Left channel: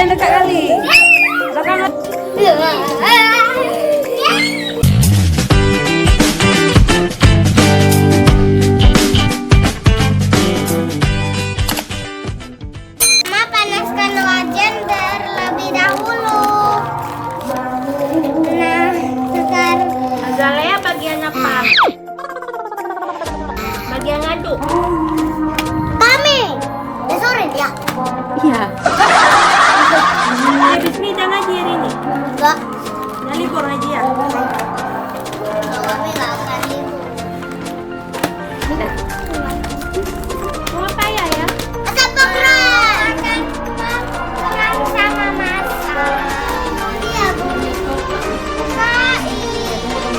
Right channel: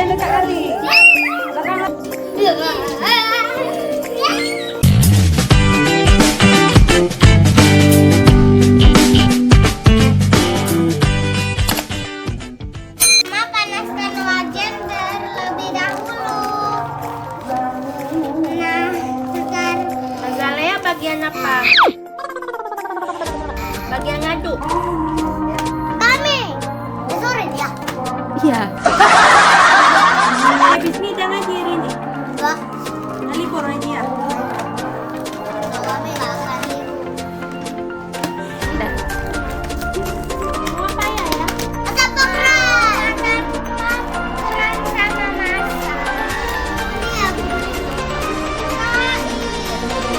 jangan dekat kali. Belakang. Mama panaskan wajan terlebih dahulu. Nah, sekarang Azalea bagian apa? Bagian ngaduk. Mami, sore dia. Iya. Habis ini dan lagi hari ini. Enggak, Nah, libur aja ya. kalau kami nggak akan libur. Mau apa ya? Ada pekerjaan perang sama masa. Iya, Bu.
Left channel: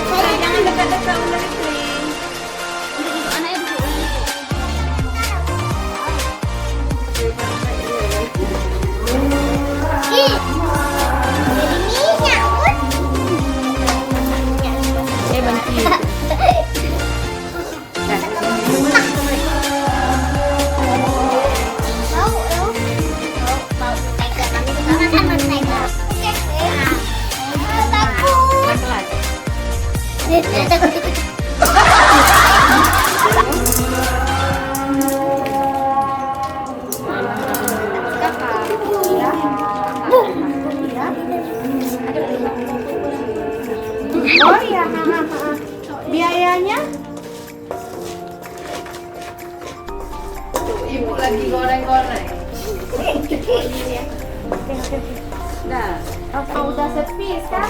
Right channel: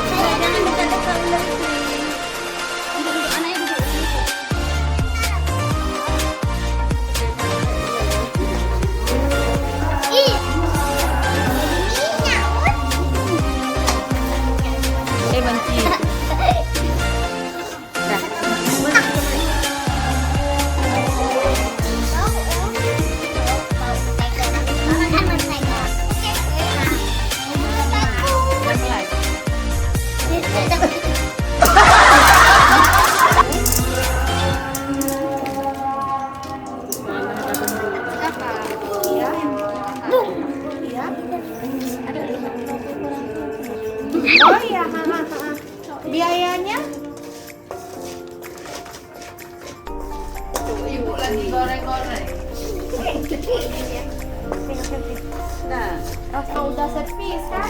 Saya jangan dekat-dekat ular itu. Oh iya. Biayanya? Ibu lagi goreng-goreng. Nah, Udah servis kan?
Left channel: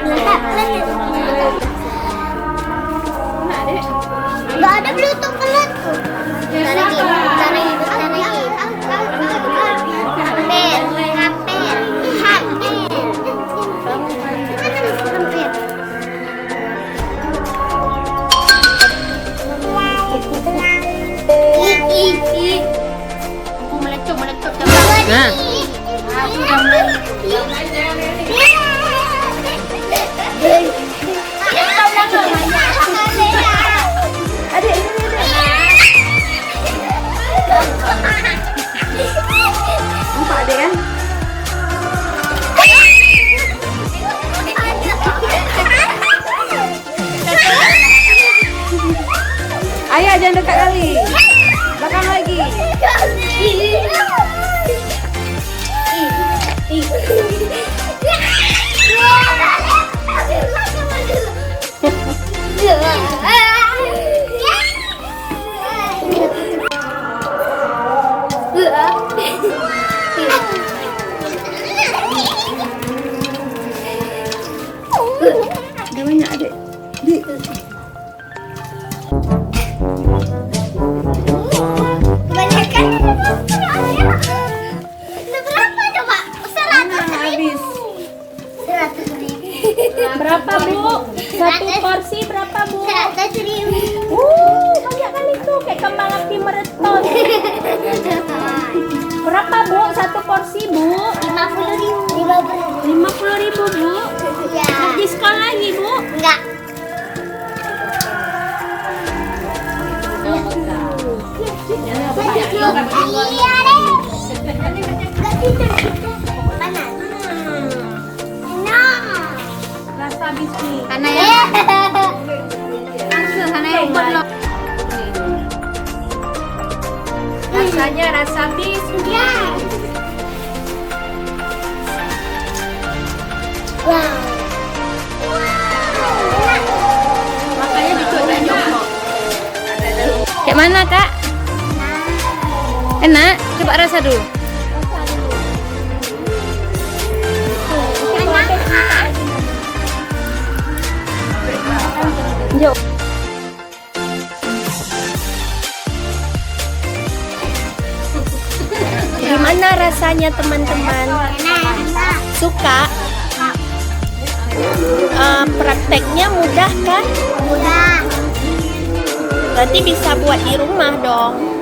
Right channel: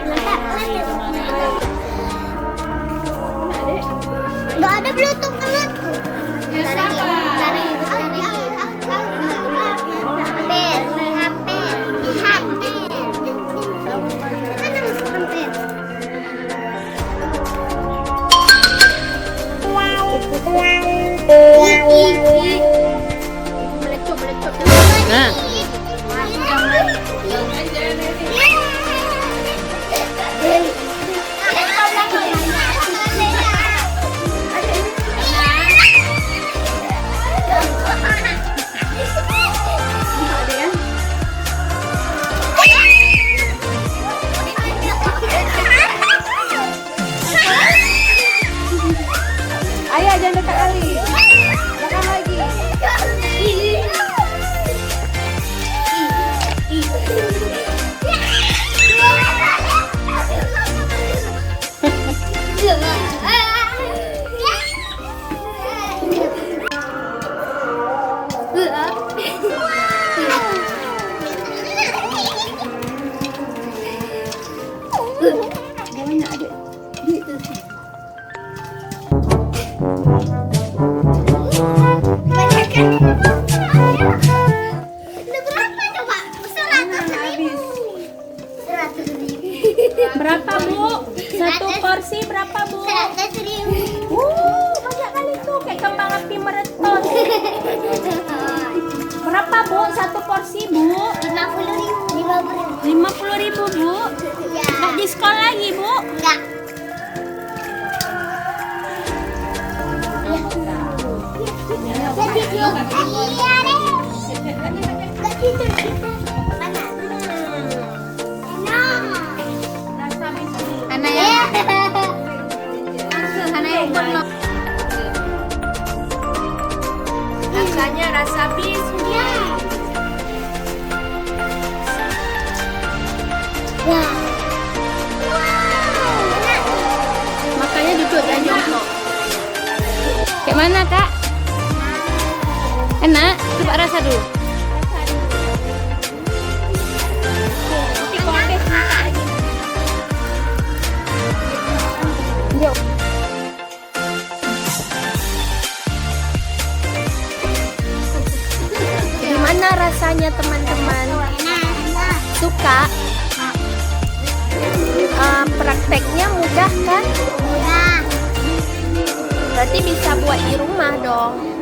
Letak nggak ada bluetooth penutup. Bentar lagi. nah. Nampak ada ya? Ayah jangan dekat kali. Belakang lagi. Namanya adik. Berapa coba? 100.000. Berapa, Bu? Satu porsi berapa, Bu? 100.000. Banyak kali tuh kayak kembang api meretot. Berapa, Bu? Satu porsi, Bu? 50.000. 50.000, Bu. Ya. Diskon lagi, Bu. Enggak. Iya deh. Mana? Enak. Rasa bisnis. Karena ya. Karena yang buat lo. Rasanya rasa bisnis. Ya. Wow. Makanya duduk banyak. Kayak mana, Kak? Enak? Coba rasa dulu. Yuk. Gimana rasanya, teman-teman? Suka? Prakteknya mudah kan? Mudah. Berarti bisa buat di rumah dong.